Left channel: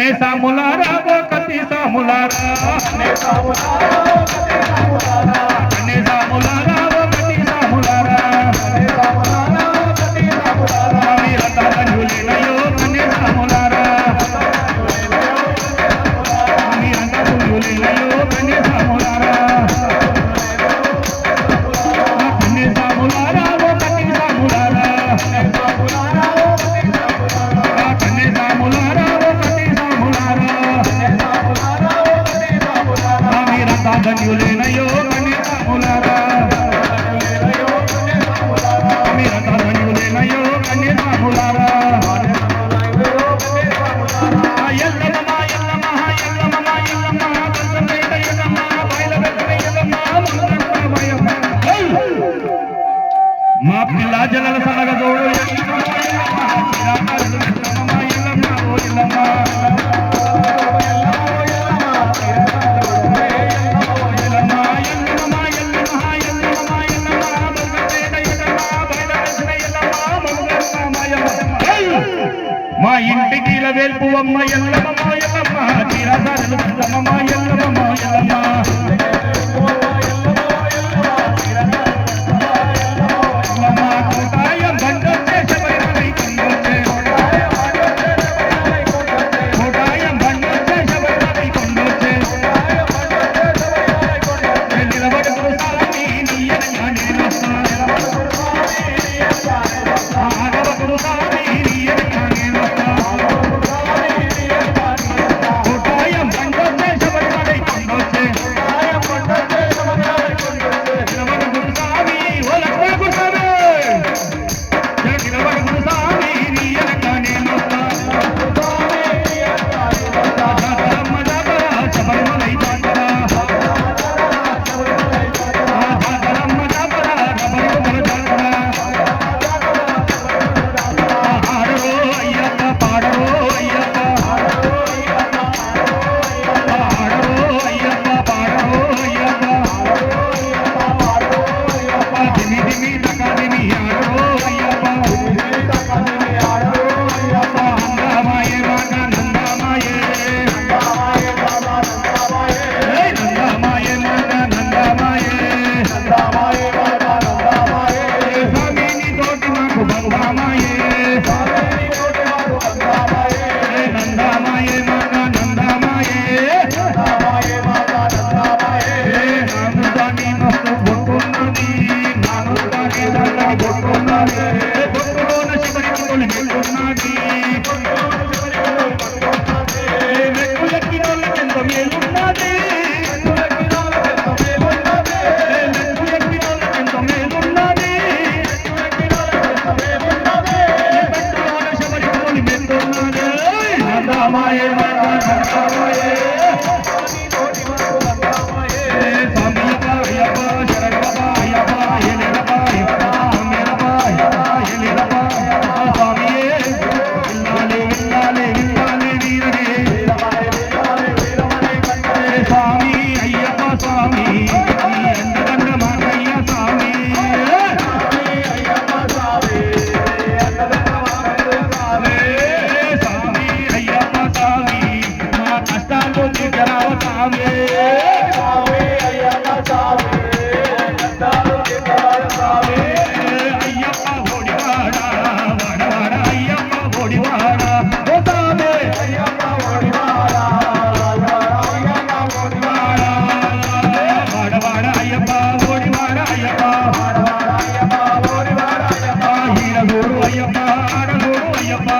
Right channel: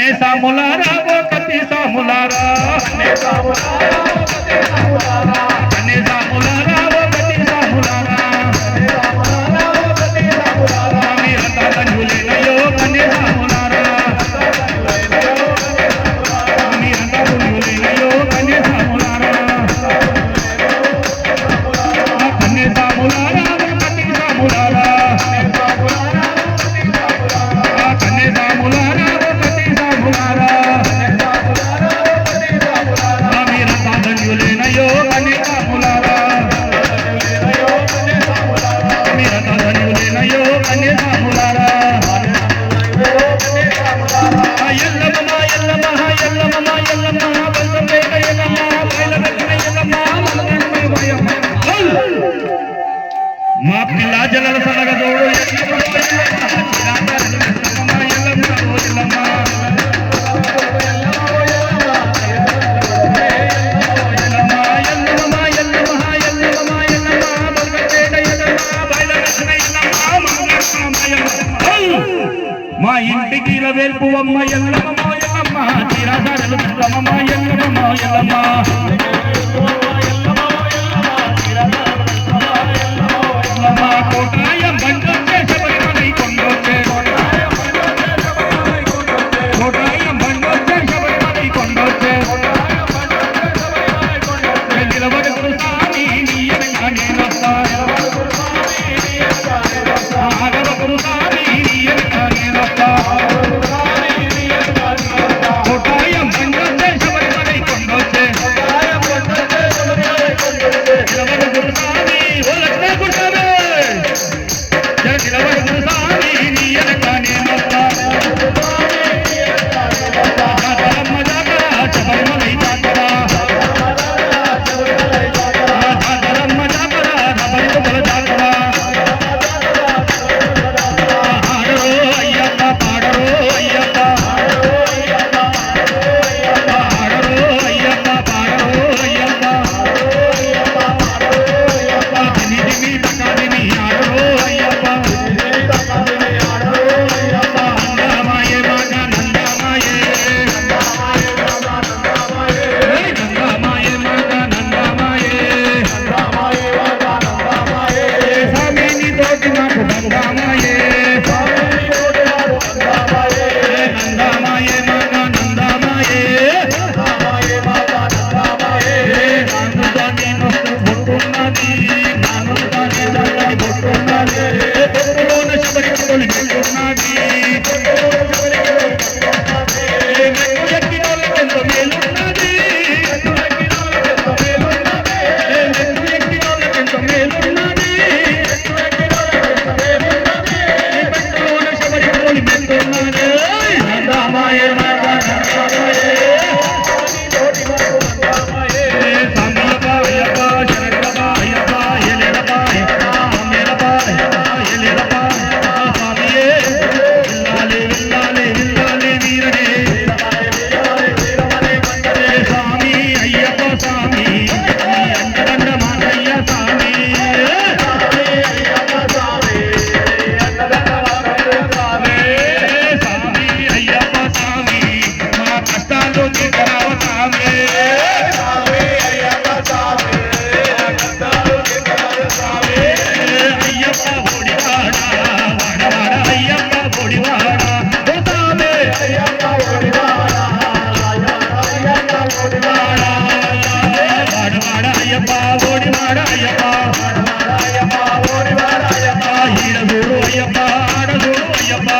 కన్నే సాములారా కతి సాములారా కన్నే సాములారా కతి సాములారా మీరంతా ధన్యులేనయ్యో కన్నే సాములారా మీరంతా ధన్యులేనయ్యో కన్నే సాములారా కన్నే సాములారా కతి సాములారా ధన్యులేనయ్యో కన్నే సాములారా మీరంతా ధన్యులేనయ్యో కన్నే సాములారా ఎల్లమ్మ ఎల్లమ్మ ఎల్లమ్మ ఎల్లమ్మ బంధంలేక ఎల్లమ్మ బయలనక్కన ఎల్లమ్మ మా పిల్ల జలల సన్నగ జోడు ఎల్లమ్మ మా ఇంటికి వెల్పు అమ్మ ఎల్లమ్మ ఎల్లమ్మ తీరాసారలు అమ్మ ఎల్లమ్మ ఎల్లమ్మ కోటాయం బండొచ్చే శబరిమలై కొండొచ్చే కోటాయం బండొచ్చే శబరిమలై కొండొచ్చే నిలబడు స్వామి నీ ఎనక నేనొస్తా ఆగవకు స్వామి నీ ఎనక నేనొస్తా కోటాయం బండొచ్చే శబరిమలై కొండొచ్చే నిలబడు స్వామి ఓ లక్ష్మణ స్వామి నిలబడు స్వామి నీ ఎనక నేనొస్తా జాతరమ్మ జాతర శబరిమలై జాతర జాతరమ్మ జాతర శబరిమల జాతర ఆడరో అయ్యప్ప పాడరో అయ్యప్ప ఆడరో అయ్యప్ప పాడరో అయ్యప్ప దిమి దిమి తకదిమి ఆడరో అయ్యప్ప నందమాయే మగ నందమాయే నందమాయే మగ నందమాయే స్వామి నీ తోటి మాకు బంగామాయే నందమాయే మగ నందమాయే నాను దాని నొస్తు బొట్టున్నది నాను దాని దాని బొట్టున్నది బొట్టులోన శబరికి తొలిగిస్తున్నది మెట్టు ఎక్కినాళ్ళకెంతో మేలున్నది మెట్టు ఎక్కినాళ్ళకెంతో మేలున్నది మెట్టులోన శబరికి తొలిగిస్తున్నది నందమాయే మగ నందమాయే సామయ్యప్ప అయ్యప్ప శరణప్ప అయ్యప్ప ఎల్లెలప్ప అయ్యప్ప అమ్మేలప్ప అయ్యప్ప ఎల్లెలప్ప స్వామియే విల్లాలే విల్లాలే విల్లాలే వీరనే స్వామి అయ్యప్ప స్వామి నీ అండదండ మాటయ్య స్వామి స్వామి అయ్యప్ప స్వామి మా కష్టాల్లో తీర్చరావు స్వామి అయ్యప్ప ఓడివాడ వాడవాడ అయ్యప్ప ఓడివాడ స్వామి వాడవాడ అయ్యప్ప ఓడివాడ అయ్యప్ప ఈడగూడు అయ్యప్ప ఆడగూడు అయ్యప్ప